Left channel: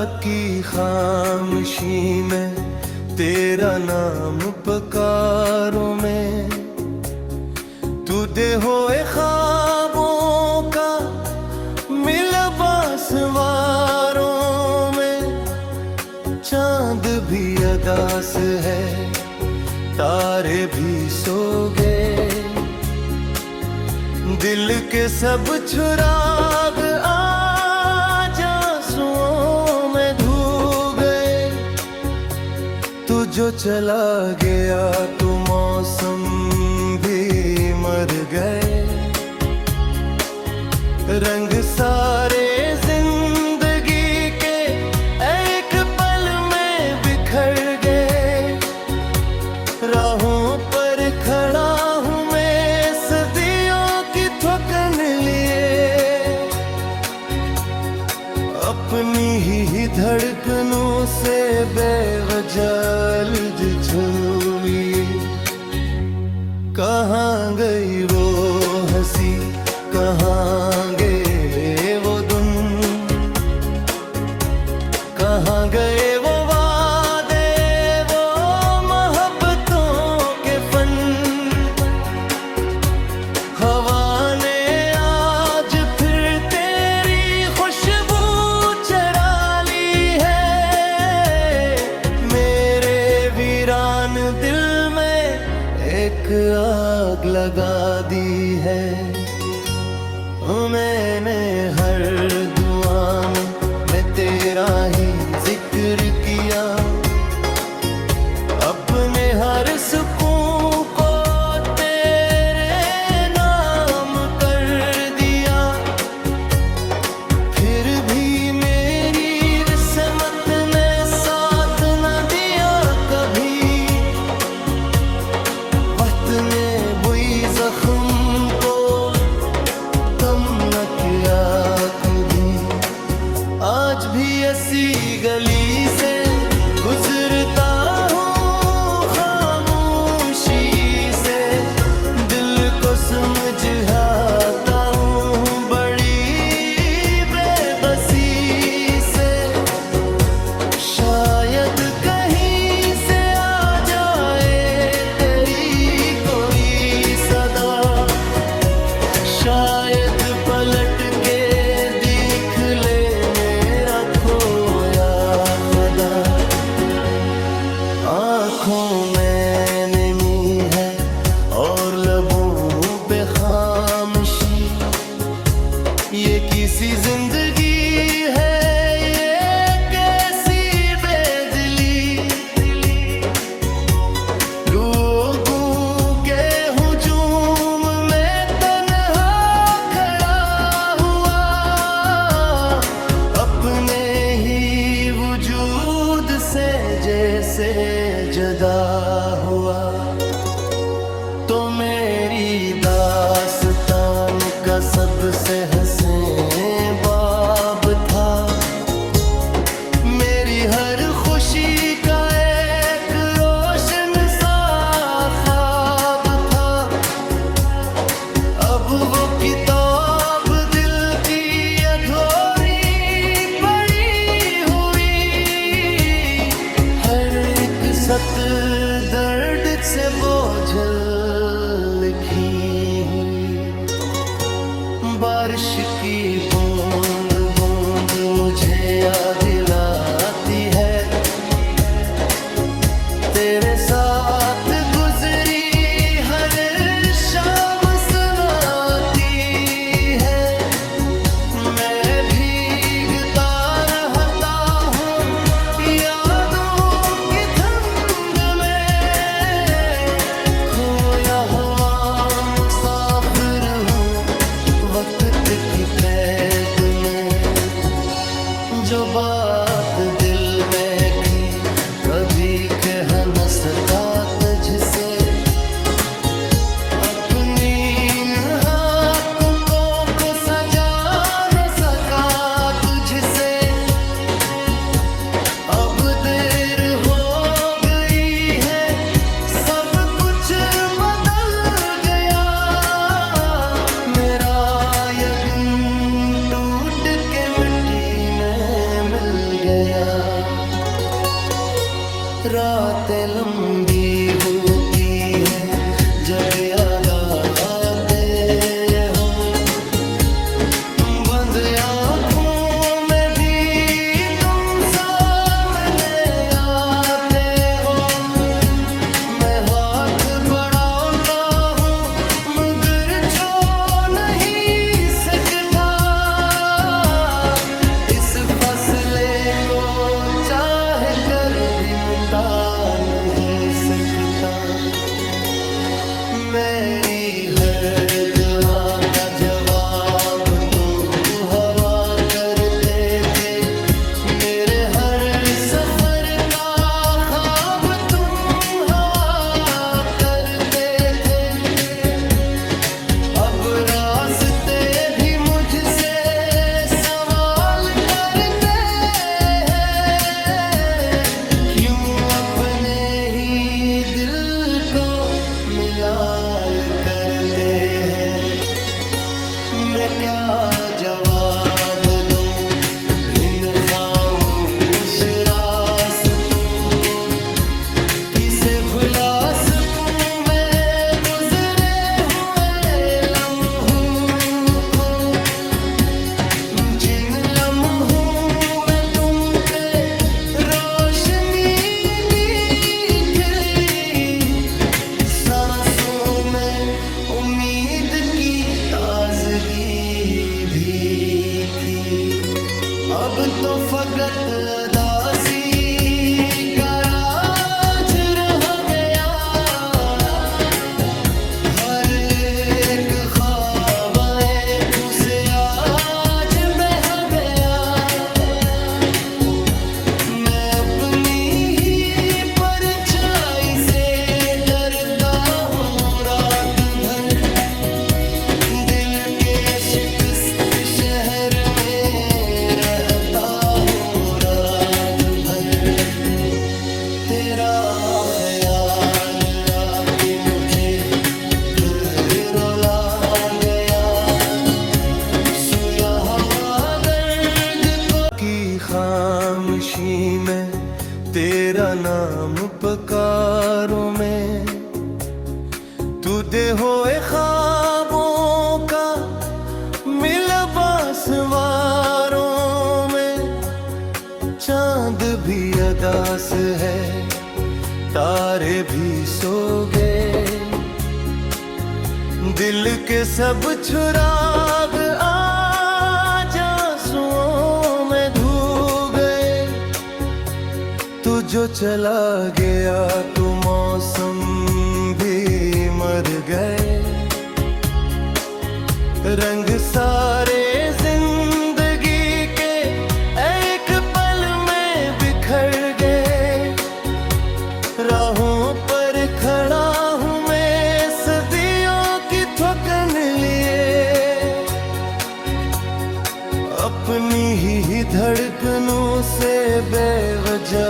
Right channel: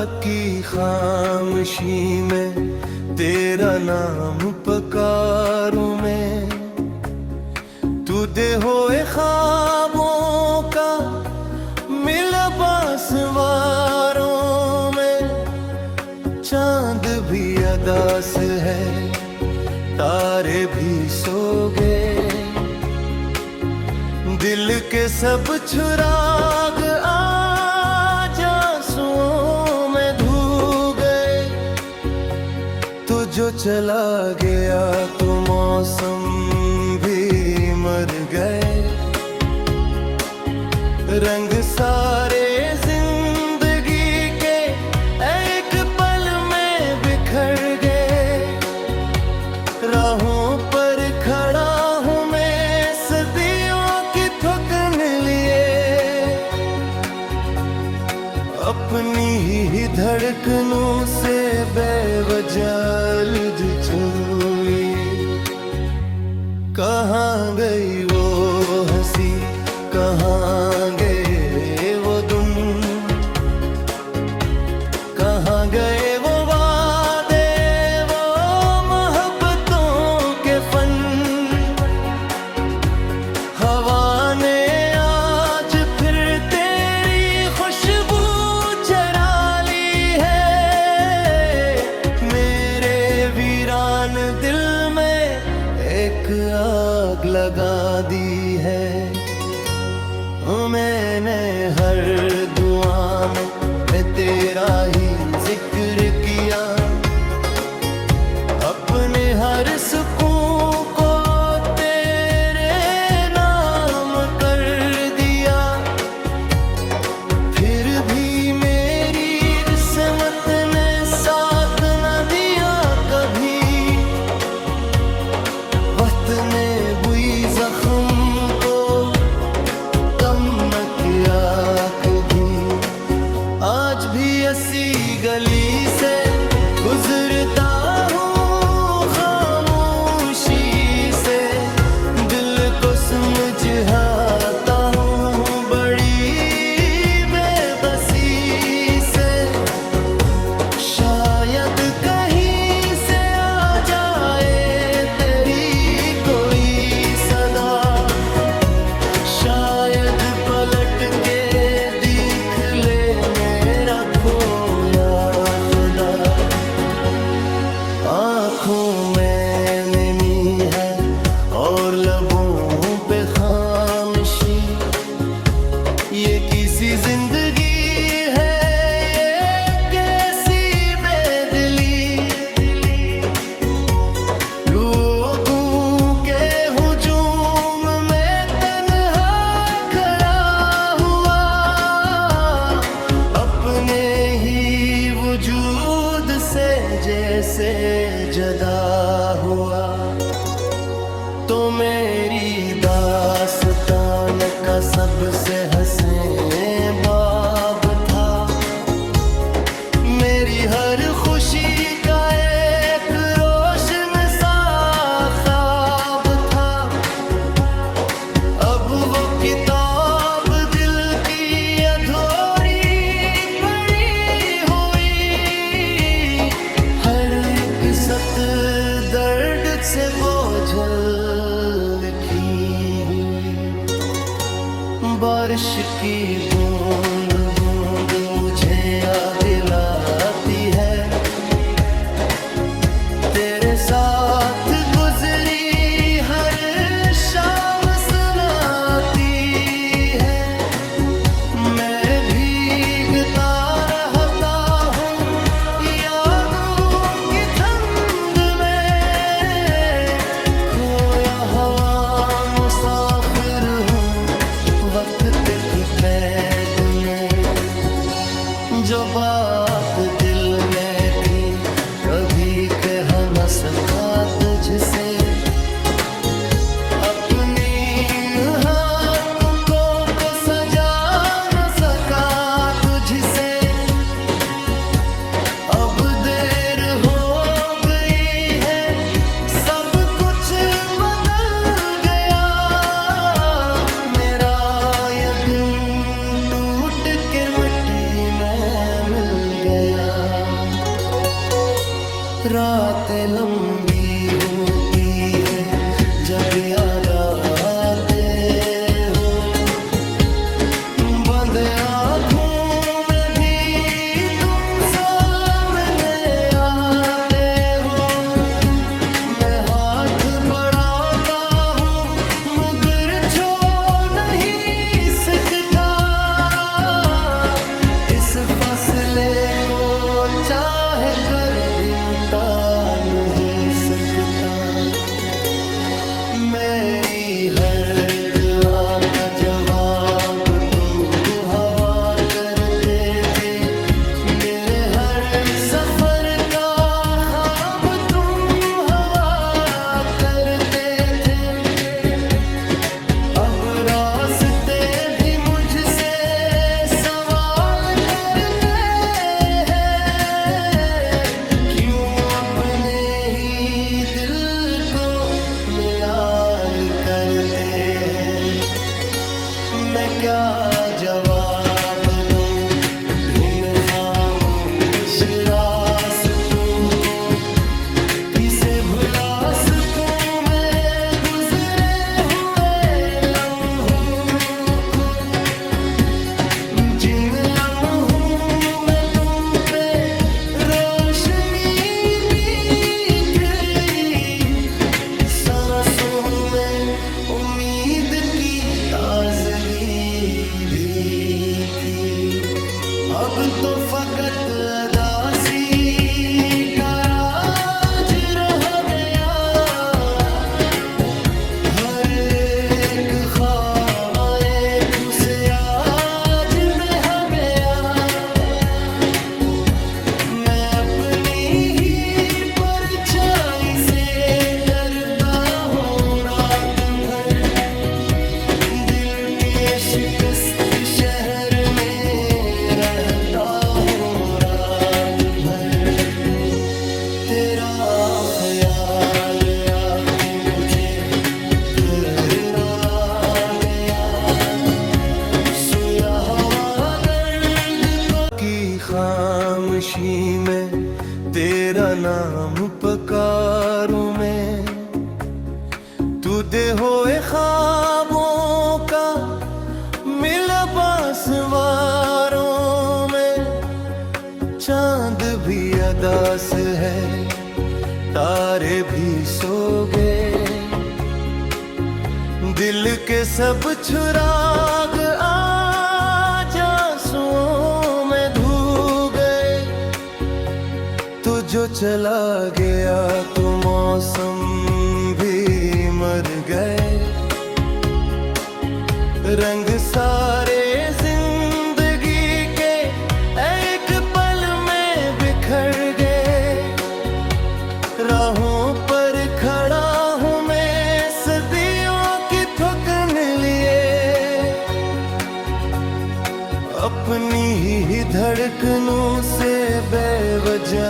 रात की खामोशी में तेरा नाम पुकारूं मैं। तू दे होए ख्वाबों का मिला बासवारों में। चांद भी अदास है, तारे भी सो गए, दिल के सब चुराग आज आंसुओं में धो गए। तू जो चला गया तो मौसम भी मर गए, रंग सारे जिंदगी के एक पल में बिखर गए। राहों पर खड़ा हूँ मैं सदियों की थकन लिए, अपनी ही धड़कनों से बेवजह छुई। कहाँ गई वो हंसी, कहाँ गए वो दिन, कहाँ गए वो वादे, वो मोहब्बतों के फन। हवा ने आज फिर तेरी खुशबू चरा ली है, मेरे वीरान दिल में एक आग लगा दी है। मैंने हर दुआ में मैं तेरा ही जिक्र किया, अपने हर सुकून को तेरे नाम कर दिया। फिर भी मेरी किस्मत ने साथ न दिया कभी, वक्त ने बुई जख्म को कम न किया कभी। आज भी ऐसी गली से गुजरता हूँ खामोशी से, दिल को समझाता हूँ बड़ी बेबसी से। शायद कहीं से आ जाए तेरी कोई सदा, शायद पलट के देख ले मेरा खोया खुदा। आँखों में नमी है और लबों पे खामोशी, ये किसी जिंदगी है ये कैसी बेदिली। लोगों के हुजूम में तन्हा खड़ा हुआ, अपने ही वजूद से जैसे जदा हुआ। तो मेरी दास्तान का सबसे हसीन बाब था, मेरी हर खुशी का एक रोशन सा ख्वाब था। अब वो किताब दिल की अधूरी पड़ी हुई, हर एक सतर दर्द से बोझल लिखी हुई। बारिश की बूंद बूंद मुझे याद दिलाती है, तेरे साथ गुजरी हर शाम सुनाती है। मैं भीगता रहता हूँ यादों की ठंड में, खोया हवा मुसाफिर हूँ वक्त की कैद में। जो बात दिल में थी कभी कह न सका तुझसे, अपनी हाथों को सजा न सका तुझसे। अब देर हो गई है, सब कुछ बदल गया, मेरा यकीन टूट के मिट्टी में मिल गया। रातें लंबी होती हैं जब याद आते हो, बंद आँखों में भी तुम सामने आते हो। मैं हाथ बढ़ाता हूँ मगर छू नहीं सकता, इस फासले को चाह कर भी मिटा नहीं सकता। मेरी हर दुआ का जवाब तुम हवा करते थे, मेरे हर सफर का ख्वाब तुम हवा करते थे। अब रास्ते भी मुझसे सवाल करते हैं, क्यों अपने ही दिल को मिलाल करते हैं। मैं क्या जवाब दूं इन खामोश रास्तों को, किसे भुला सकूं मैं गुजरे हुए लम्हों को, जिन लम्हों में तुम पे रोशनी सांसों में उम्मीद की ताजगी भी थी। अब तो फकत अदासी का राज रह गया, हर एक ख्वाब आँखों से आज बह गया। मैं अपनी ही परछाई से डरता हूँ रात भर, दिल के शिकस्त शहर में रहता हूँ रात भर। तेरा ख्याल आके मुझे फिर रुला गया, सुया हवा दर्द को की खामोशी में तेरा नाम पुकारूं मैं। तू दे होए ख्वाबों का मिला बासवारों में, चांद भी अदास है तारे भी सो गए, दिल के सब चुराग आज आंसुओं में धो गए। तू जो चला गया तो मौसम भी मर गए, रंग सारे जिंदगी के एक पल में बिखर गए। राहों पर खड़ा हूँ मैं सदियों की थकन लिए, अपनी ही धड़कनों से बेवजह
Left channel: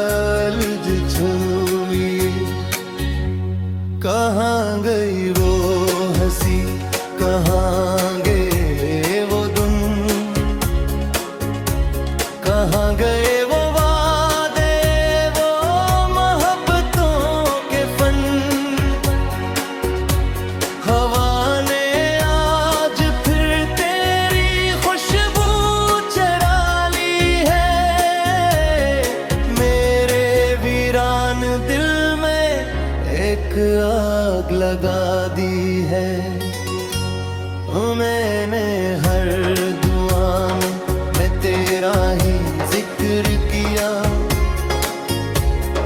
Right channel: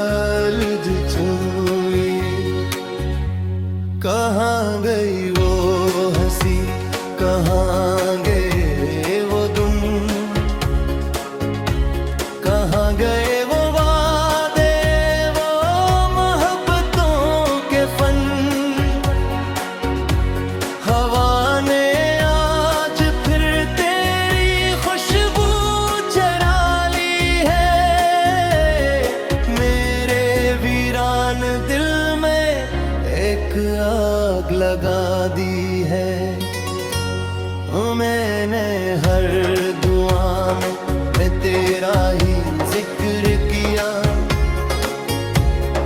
छुई। कहाँ गई वो हंसी, कहाँ गए वो दिन, कहाँ गए वो वादे, वो मोहब्बतों के फन। हवा ने आज फिर तेरी खुशबू चरा ली है, मेरे वीरान दिल में एक आग लगा दी है। मैंने हर दुआ में मैं तेरा ही जिक्र किया,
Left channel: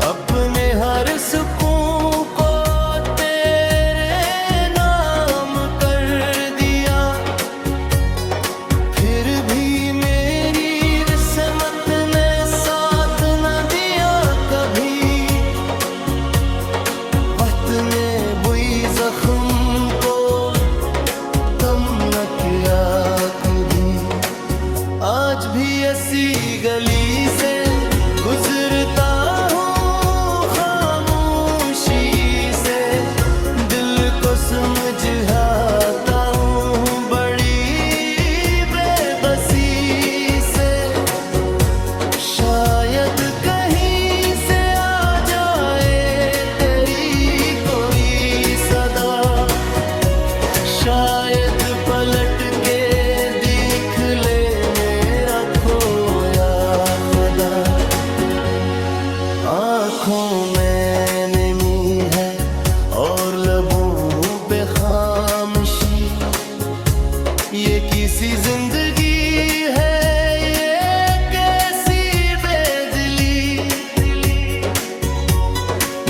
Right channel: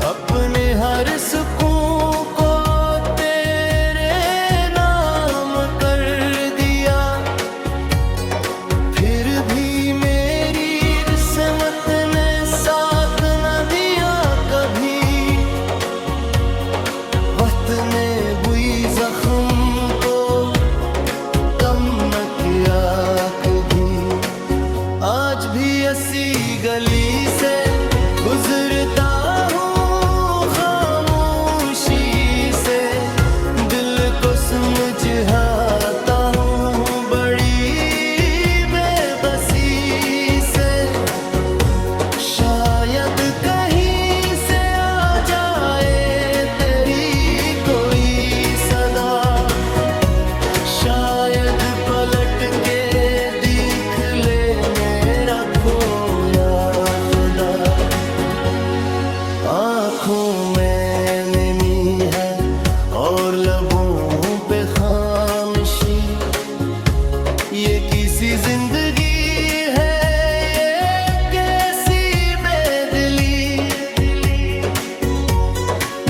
अपने हर सुकून को तेरे नाम कर दिया। फिर भी मेरी किस्मत ने साथ न दिया कभी, वक्त ने बुई जख्म को कम न किया कभी। आज भी ऐसी गली से गुजरता हूँ खामोशी से, दिल को समझाता हूँ बड़ी बेबसी से। शायद जिंदगी है ये कैसी बेदिली,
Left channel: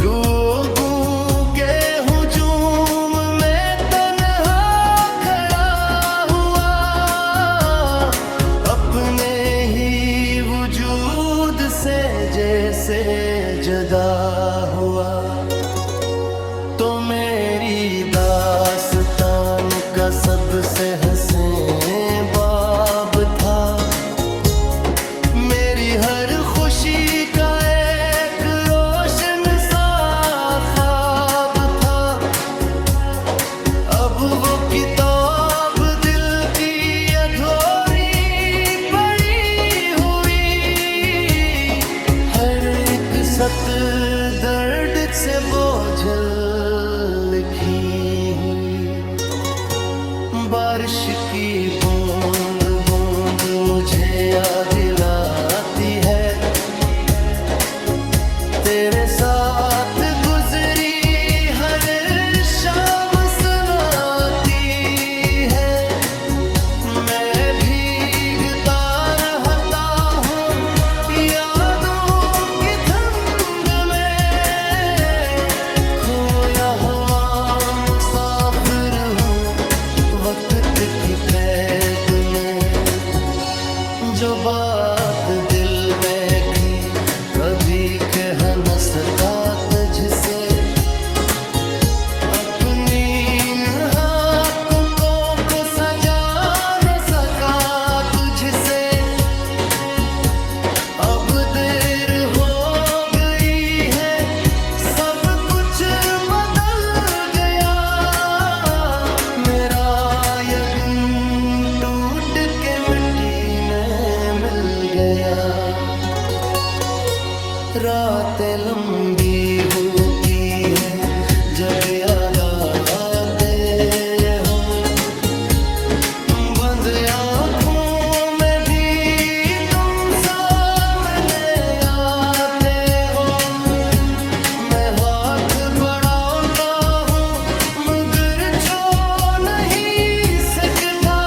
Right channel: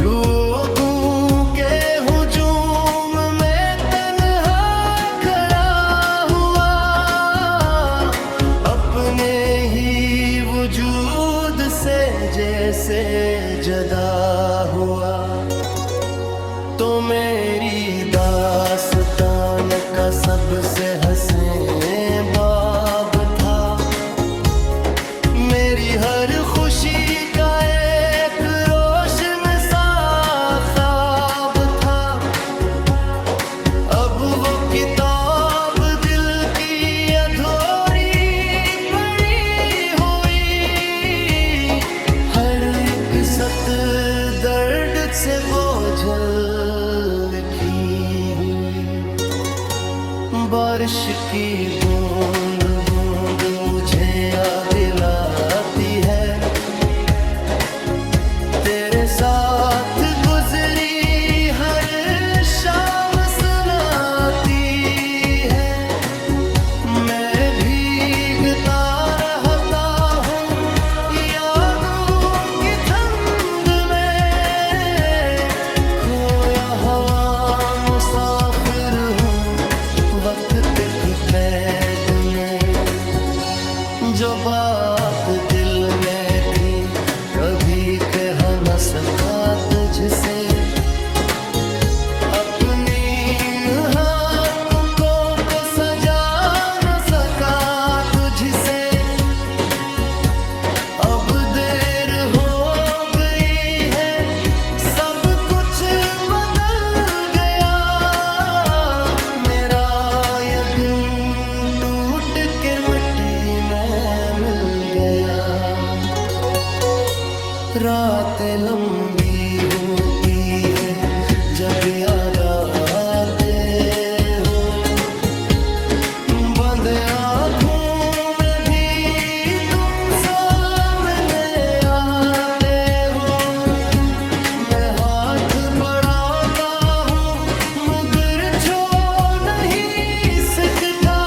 लोगों के हुजूम में तन्हा खड़ा हुआ, अपने ही वजूद से जैसे जदा हुआ। तो मेरी दास्तान का सबसे हसीन बाब था, मेरी हर खुशी का एक रोशन सा ख्वाब था। अब वो किताब दिल की अधूरी पड़ी हुई, हर एक सत्र दर्द से बोझल लिखी हुई। बारिश की बूंद बूंद मुझे याद दिलाती है, तेरे साथ गुजरी हर शाम सुनाती है। मैं भीगता रहता हूँ यादों की ठंड में, खोया हवा मुसाफिर हूँ वक्त की कैद में। जो बात दिल में थी कभी कह न सका तुझसे, अपनी इन हाथों को सजा न सका तुझसे। अब देर हो गई है, सब कुछ बदल गया, मेरा यकीन टूट के मिट्टी में मिल गया। रातें लंबी होती हैं जब याद आते हो, बंद आँखों में भी तुम सामने आते हो। मैं हाथ बढ़ाता हूँ मगर छू नहीं सकता,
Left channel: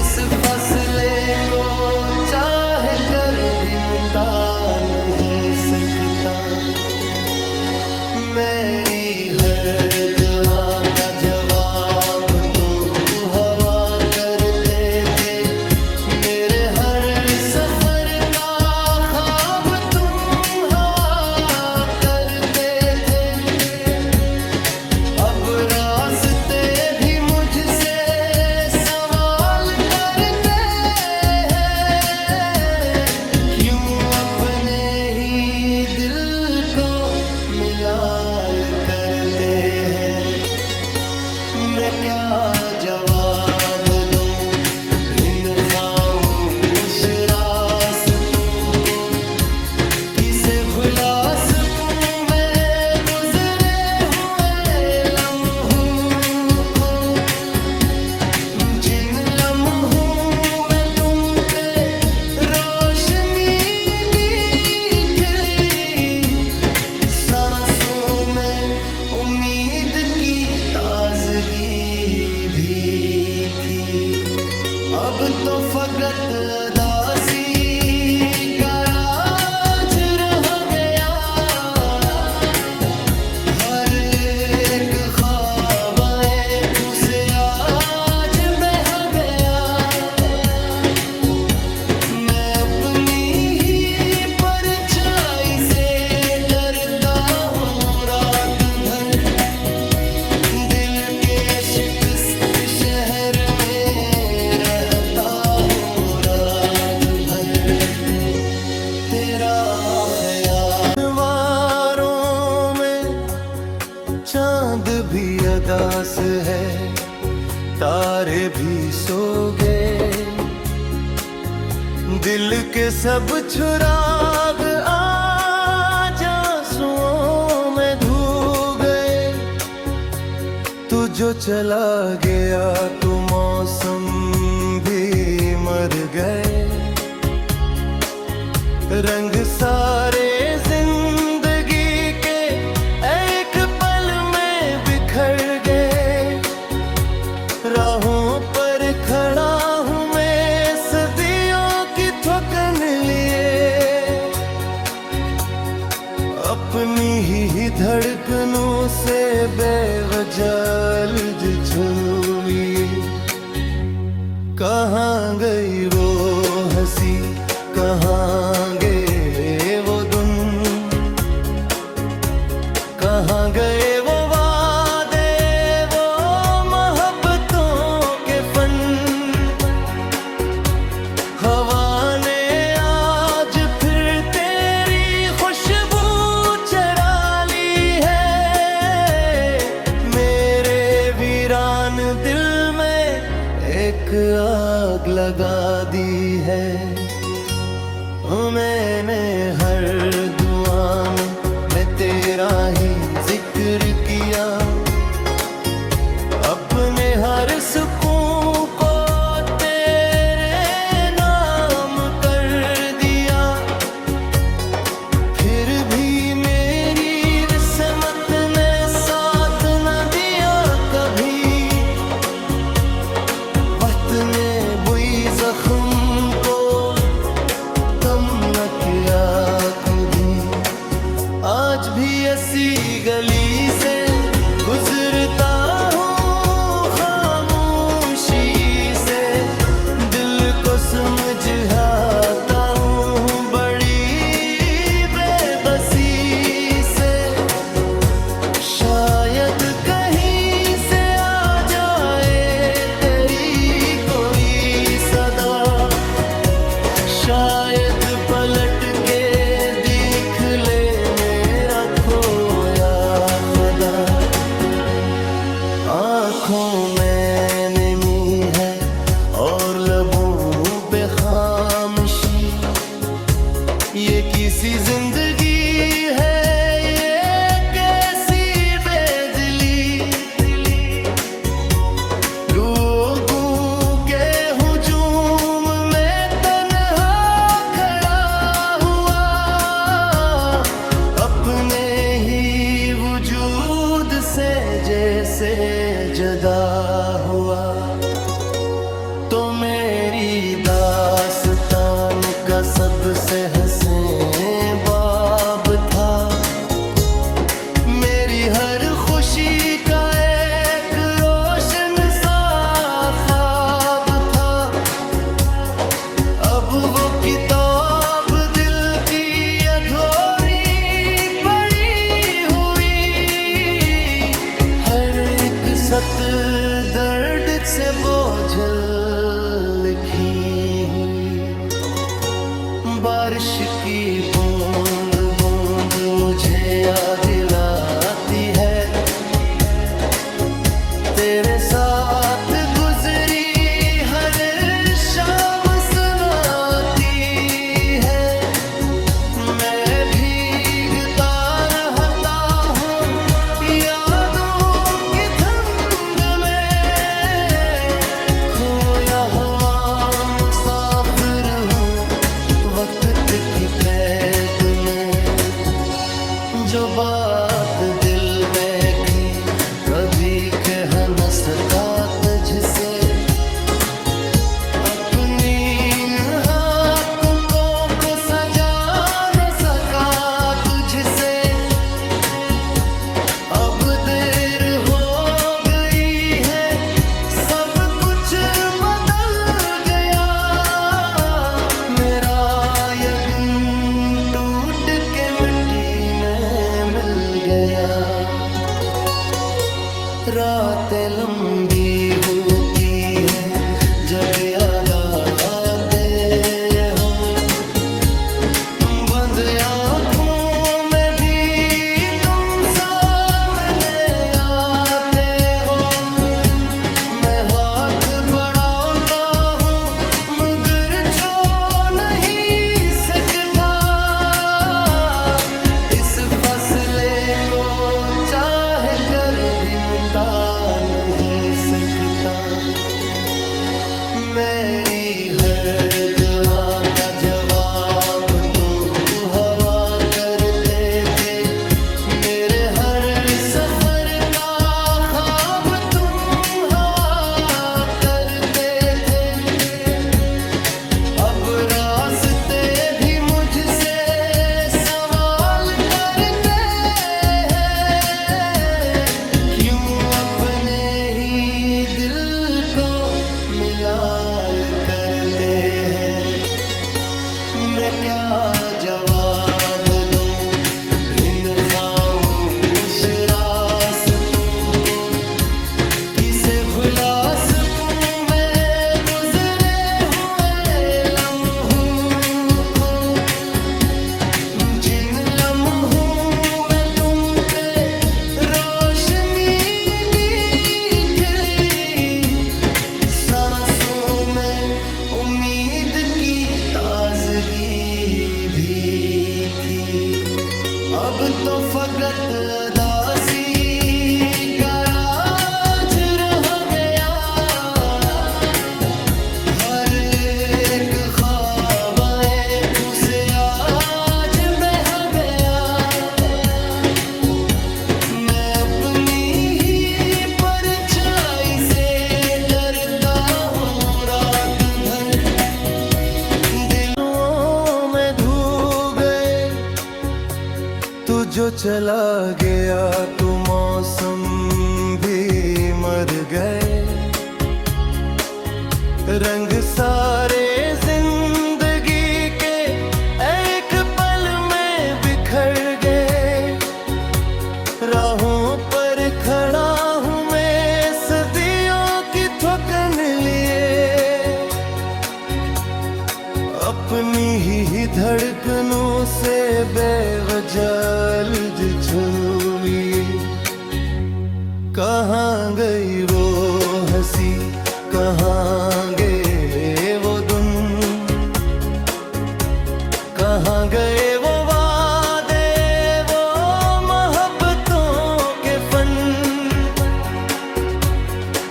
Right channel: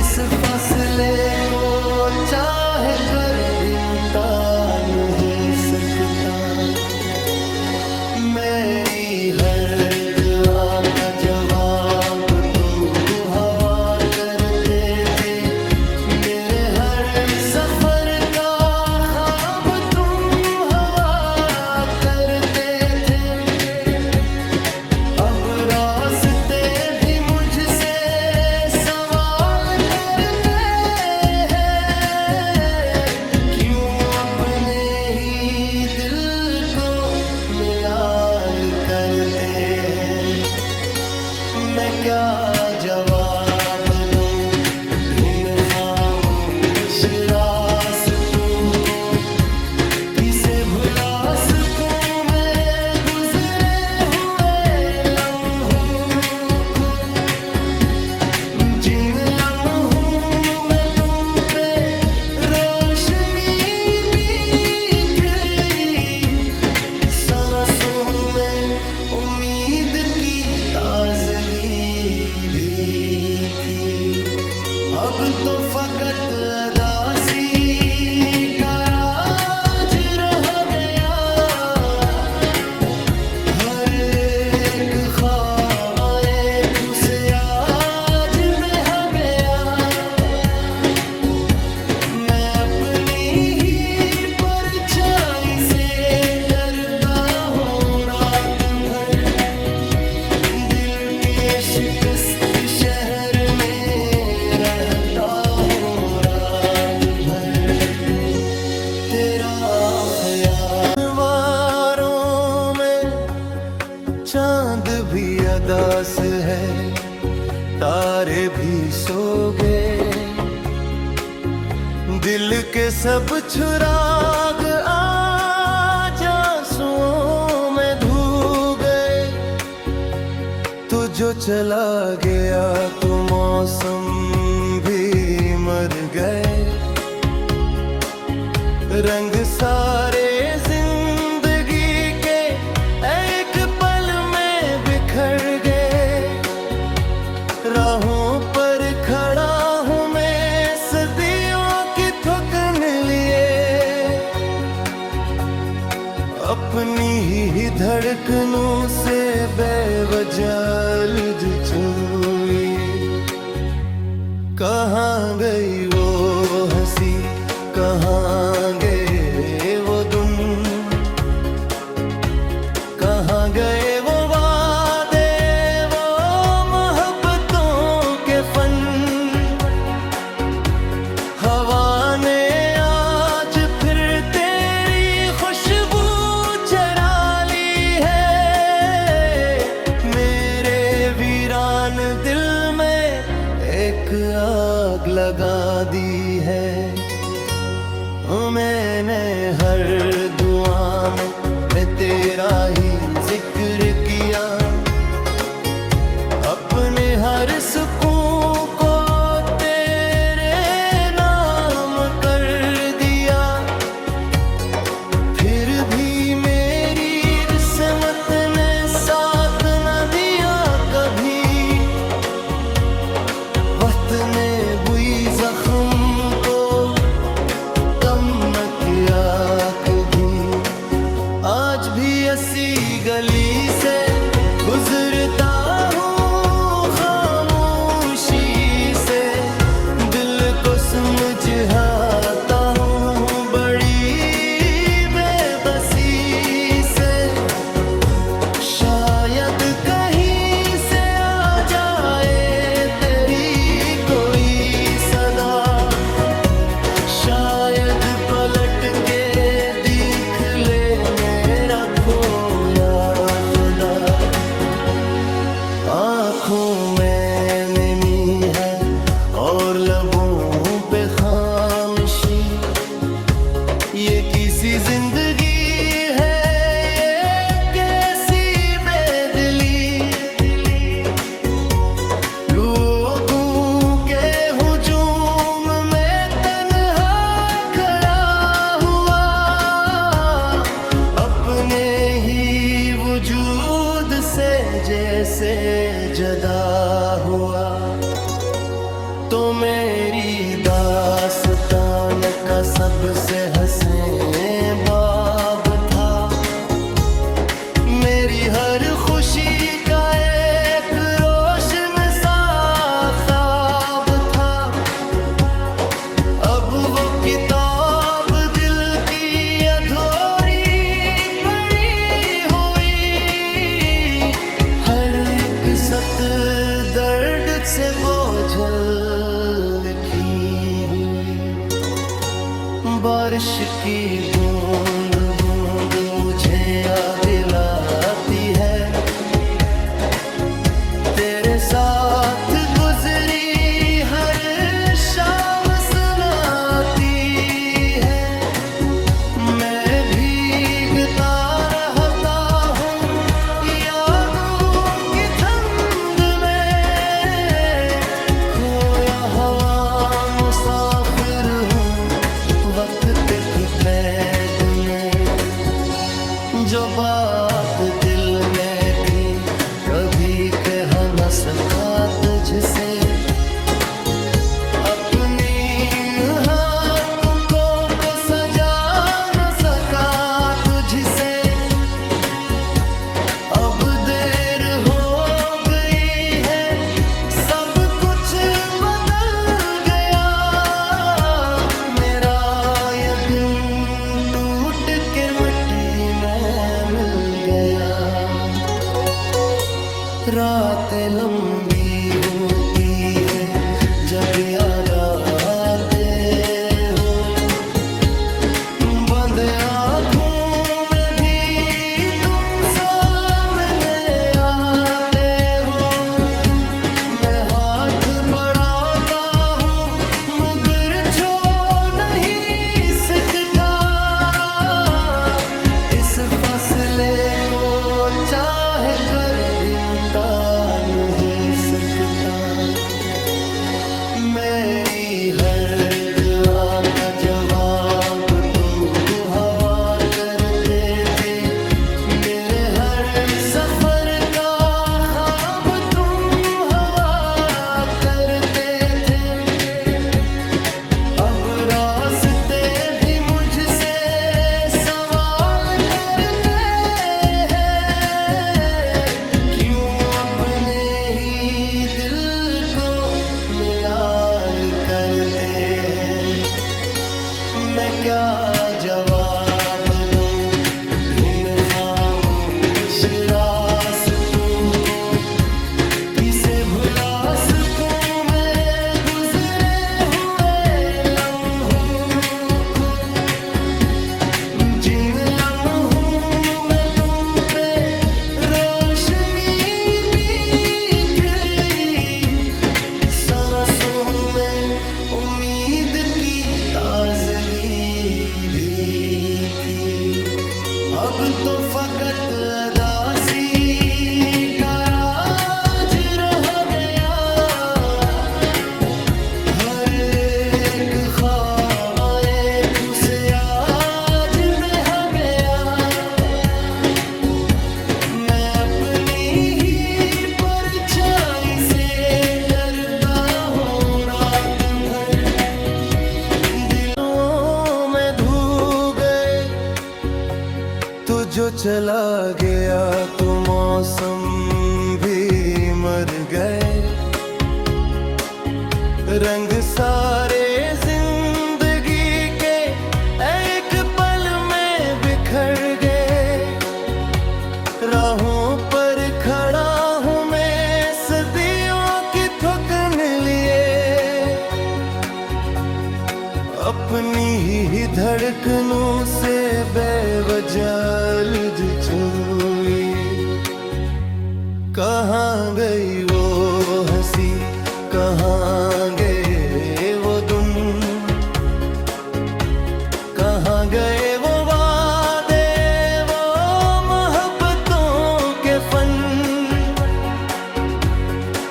इस फासले को चाह कर भी मिटा नहीं सकता। मेरी हर दुआ का जवाब तुम हवा करते थे, मेरे हर सफर का ख्वाब तुम हवा करते थे। अब रास्ते भी मुझसे सवाल करते हैं, क्यों अपने ही दिल को मिलाल करते हैं। मैं क्या जवाब दूं इन खामोश रास्तों को, किसे भुला सकूं मैं गुजरे हुए लम्हों को, जिन लम्हों में तुम पे रोशनी सांसों में उम्मीद की ताजगी भी थी। अब तो फकत अदासी का राज रह गया, हर एक ख्वाब आँखों से आज बह गया। मैं अपनी ही परछाई से डरता हूँ रात भर, दिल के शिकस्त शहर में रहता हूँ रात भर। तेरा ख्याल वारों में चांद भी अदास है, तारे भी सो गए, दिल के सब चुराग आज आंसुओं में धो गए। तू जो चला गया तो मौसम भी मर गए, रंग सारे जिंदगी के एक पल में बिखर गए। राहों पर अपनी ही धड़कनों से बेवजह छुई। कहाँ गई वो हंसी, कहाँ गए वो दिन, कहाँ गए वो वादे, वो मोहब्बतों के फन। हवा ने आज फिर तेरी खुशबू चरा ली है। मेरे वीरान दिल में एक आग लगा दी है। मैंने हर दुआ में मैं तेरा ही जिक्र किया, अपने हर सुकून को तेरे नाम कर दिया। फिर भी मेरी किस्मत ने साथ न दिया कभी। वक्त ने बुई जख्म को कम न किया कभी। आज भी ऐसी गली से गुजरता हूँ खामोशी से, दिल को समझाता हूँ बड़ी बेबसी से। शायद कहीं से आ जाए तेरी कोई सदा, शायद पलट के देख ले मेरा खोया खुदा। आँखों में नमी है और लबों पे खामोशी, ये किसी जिंदगी है ये कैसी बेदिली। लोगों के हुजूम में तन्हा खड़ा हुआ, अपने ही वजूद से जैसे जदा हुआ। तो मेरी दास्तान का सबसे हसीन बाब था, मेरी हर खुशी का एक रोशन सा ख्वाब था। अब वो किताब दिल की अधूरी पड़ी हुई, हर एक सत्र दर्द से बोझल लिखी हुई। बारिश की बूंद बूंद मुझे याद दिलाती है, तेरे साथ गुजरी हर शाम सुनाती है। मैं भीगता रहता हूँ यादों की ठंड में, खोया हवा मुसाफिर हूँ वक्त की कैद में। जो बात दिल में थी कभी कह न सका तुझसे, अपनी इन हाथों को सजा न सका तुझसे। अब देर हो गई है सब कुछ बदल गया, मेरा यकीन टूट के मिट्टी में मिल गया। रातें लंबी होती हैं जब याद आते हो, बंद आँखों में भी तुम सामने आते हो। मैं हाथ बढ़ाता हूँ मगर छू नहीं सकता, इस फासले को चाह कर भी मिटा नहीं सकता। मेरी हर दुआ का जवाब तुम हवा करते थे, मेरे हर सफर का ख्वाब तुम हवा करते थे। अब रास्ते भी मुझसे सवाल करते करते हैं। मैं क्या जवाब दूं भिन्न खामोश रास्तों को, किसे भुला सकूं मैं गुजरे हुए लम्हों को, जिन लम्हों में तुम पे रोशनी सांसों में उम्मीद की ताजगी भी थी। अब तो फकत अदासी का राज रह गया, हर एक ख्वाब आंखों से आज बह गया। मैं अपनी ही परछाई से डरता हूँ, रात भर दिलों में धो गए। तू जो चला गया तो मौसम भी मर गए, रंग सारे जिंदगी के एक पल में बिखर गए। राहों पर खड़ा हूँ मैं सदियों की थकन लिए, अपनी ही धड़कनों से बेवजह छुई। कहाँ गई वो हंसी, कहाँ गए वो दिन, कहाँ गए वो वादे, वो मोहब्बतों के फन।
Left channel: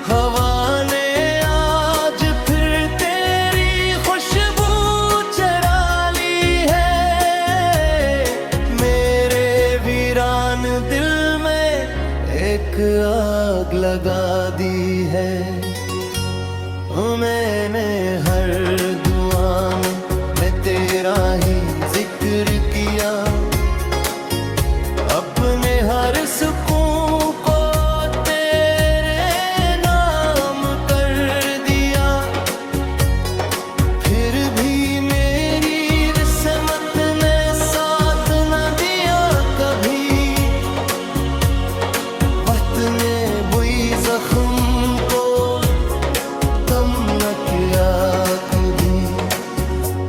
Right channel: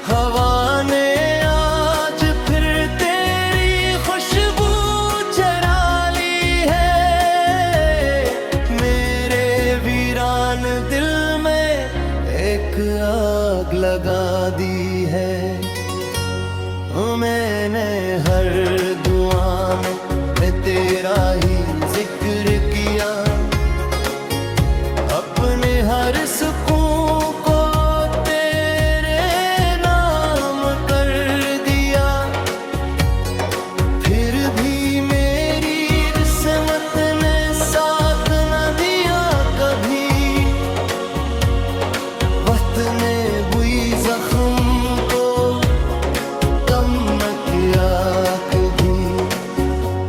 हवा ने आज फिर तेरी खुशबू चरा ली है, मेरे वीरान दिल में एक आग लगा दी है। मैंने हर दुआ में मैं तेरा ही जिक्र किया, अपने हर सुकून को तेरे नाम कर दिया। फिर भी मेरी किस्मत ने साथ न दिया कभी, वक्त ने बुई जख्म को कम न किया कभी।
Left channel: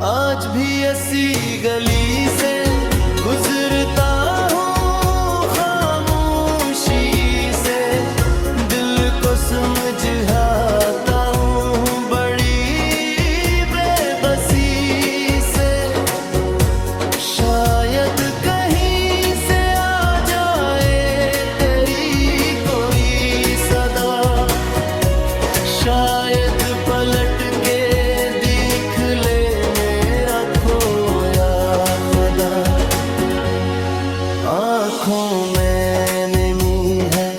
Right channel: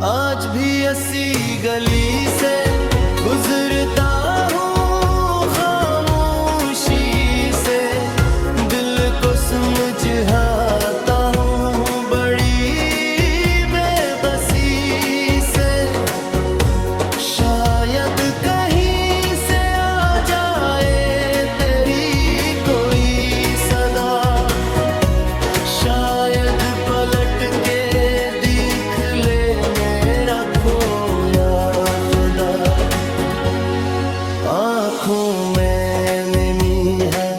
आज भी ऐसी गली से गुजरता हूँ खामोशी से, दिल को समझाता हूँ बड़ी बेबसी से। शायद कहीं से आ जाए तेरी कोई सदा, शायद पलट के देख ले मेरा खोया खुदा। आँखों में नमी है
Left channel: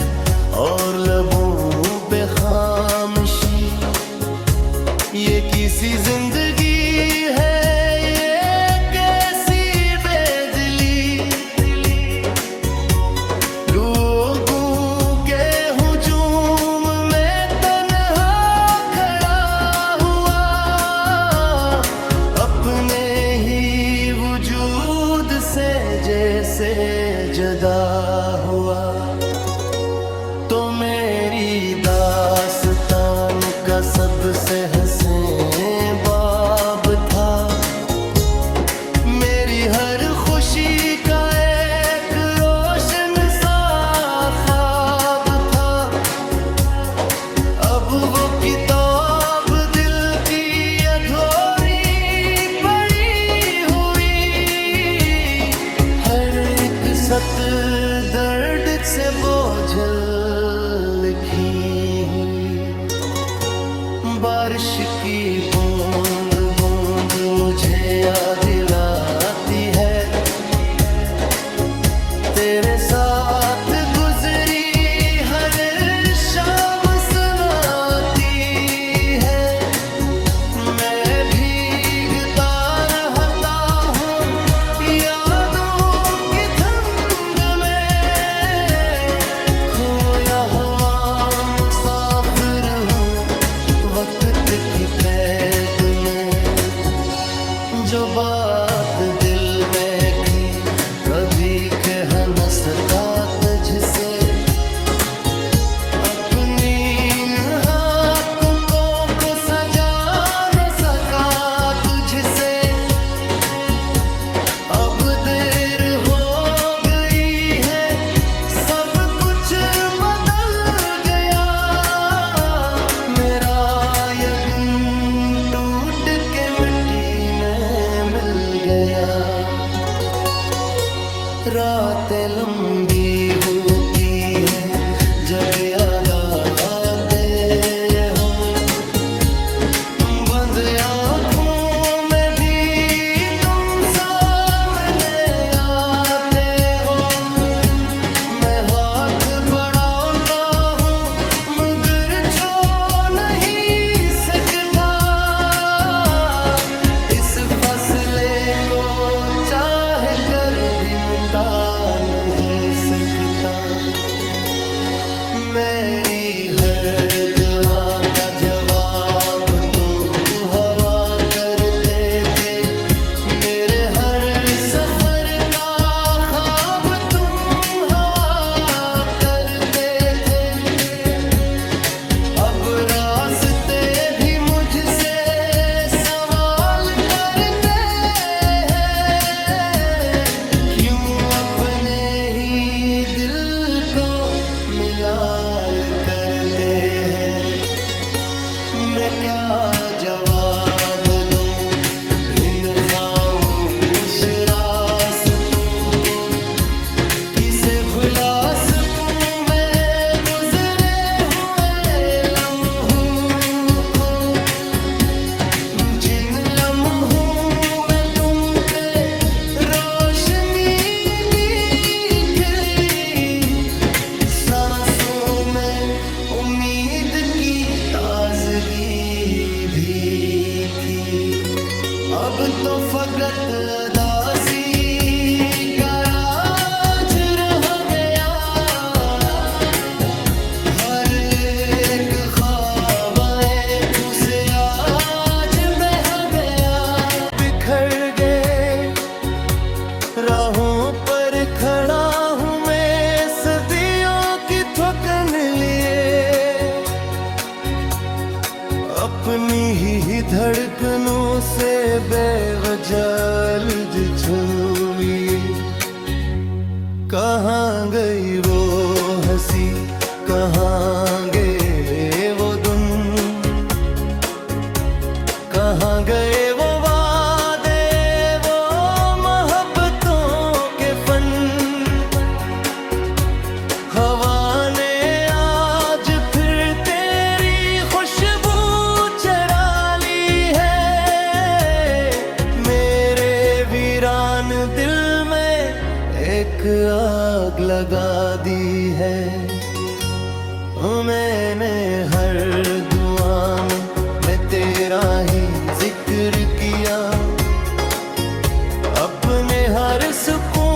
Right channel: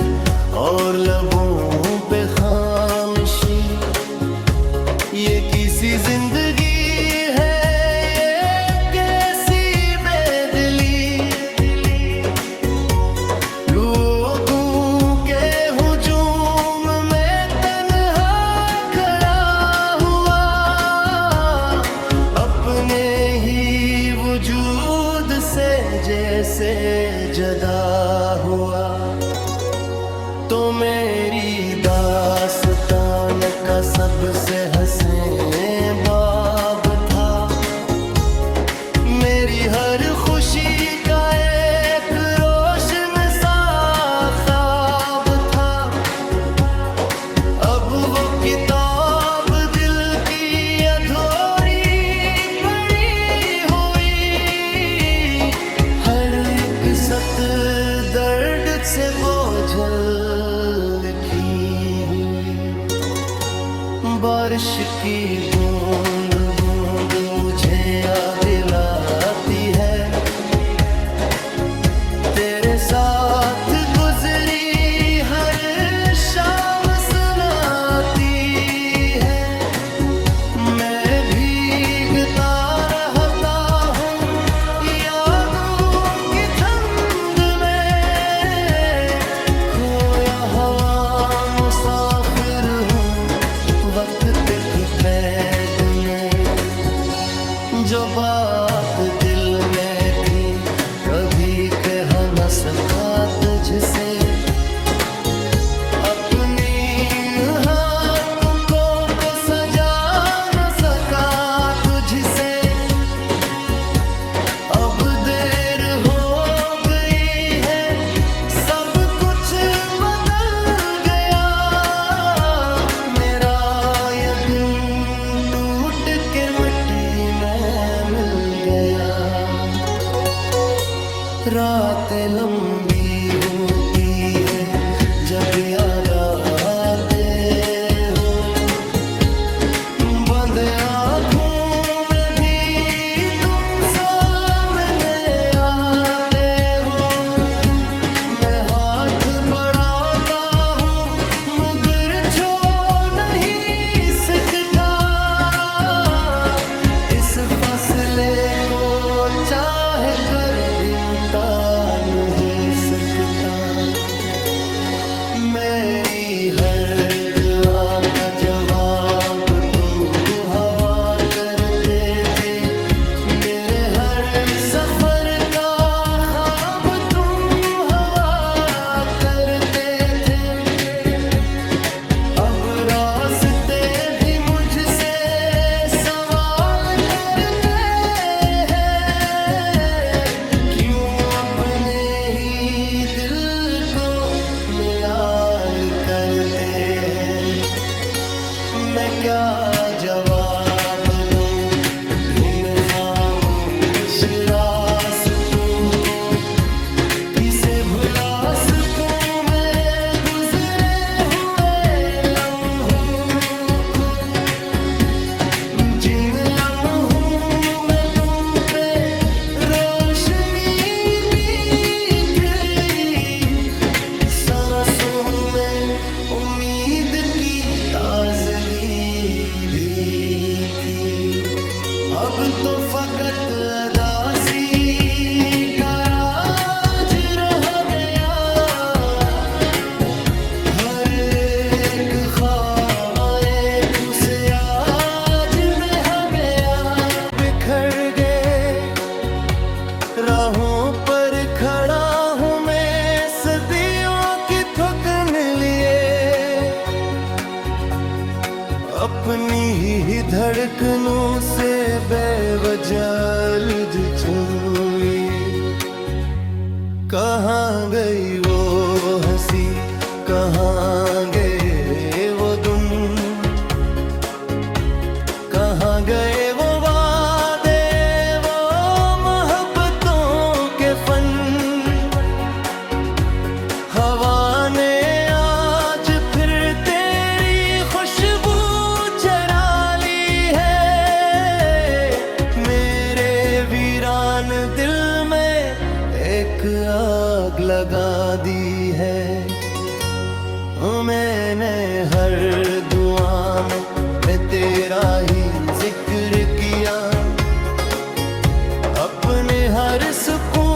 और लबों पे खामोशी, ये किसी जिंदगी है ये कैसी बेदिली। लोगों के हुजूम में तन्हा खड़ा हुआ, अपने ही वजूद से जैसे जदा हुआ। तो मेरी दास्तान का सबसे हंसे बाब था, मेरी हर खुशी का एक रोशन सा ख्वाब था। अब वो किताब दिल की अधूरी पड़ी हुई, हर एक सत्र दर्द से बोझल लिखी हुई। बारिश की बूंद बूंद मुझे याद दिलाती है, तेरे साथ गुजरी हर शाम सुनाती है। मैं भीगता रहता हूँ यादों की धुंध में, खोया हवा मुसाफिर हूँ वक्त की कैद में। जो बात दिल में थी कभी कह न सका तुझसे, अपनी इन हाथों को सजा न सका तुझसे। अब देर हो गई है, सब कुछ बदल गया। मेरा यकीन टूट के मिट्टी में मिल गया। रातें लंबी होती है जब याद आते हो, बंद आँखों में भी तुम सामने आते हो। मैं हाथ बढ़ाता हूँ मगर छू नहीं सकता। इस फासले को चाह कर भी मिटा नहीं सकता। मेरी हर दुआ का जवाब तुम हवा करते थे, मेरे हर सफर का ख्वाब तुम हवा करते थे। अब रास्ते भी मुझसे सवाल करते हैं, क्यों अपने ही दिल को मिलाल करते हैं। मैं क्या जवाब दूं इन खामोश रास्तों को, किसे भुला सकूं मैं गुजरे हुए लम्हों को। जिन लम्हों में तुम पे रोशनी सांसों में उम्मीद की ताजगी भी थी। अब तो फकत अदासी का राज रह गया। हर एक ख्वाब आँखों से आज बह गया। बिखर गए राहों पर खड़ा हूँ मैं थकन लिए, अपनी ही धड़कनों से बेवजह छुए। कहाँ गई वो हंसी, कहाँ गए वो दिन, कहाँ गए वो वादे, वो मोहब्बतों के फन। हवा ने आज फिर तेरी खुशबू चरा ली है। मेरे वीरान दिल में एक आग लगा दी है। मैंने हर दुआ में मैं तेरा ही जिक्र किया, अपने हर सुकून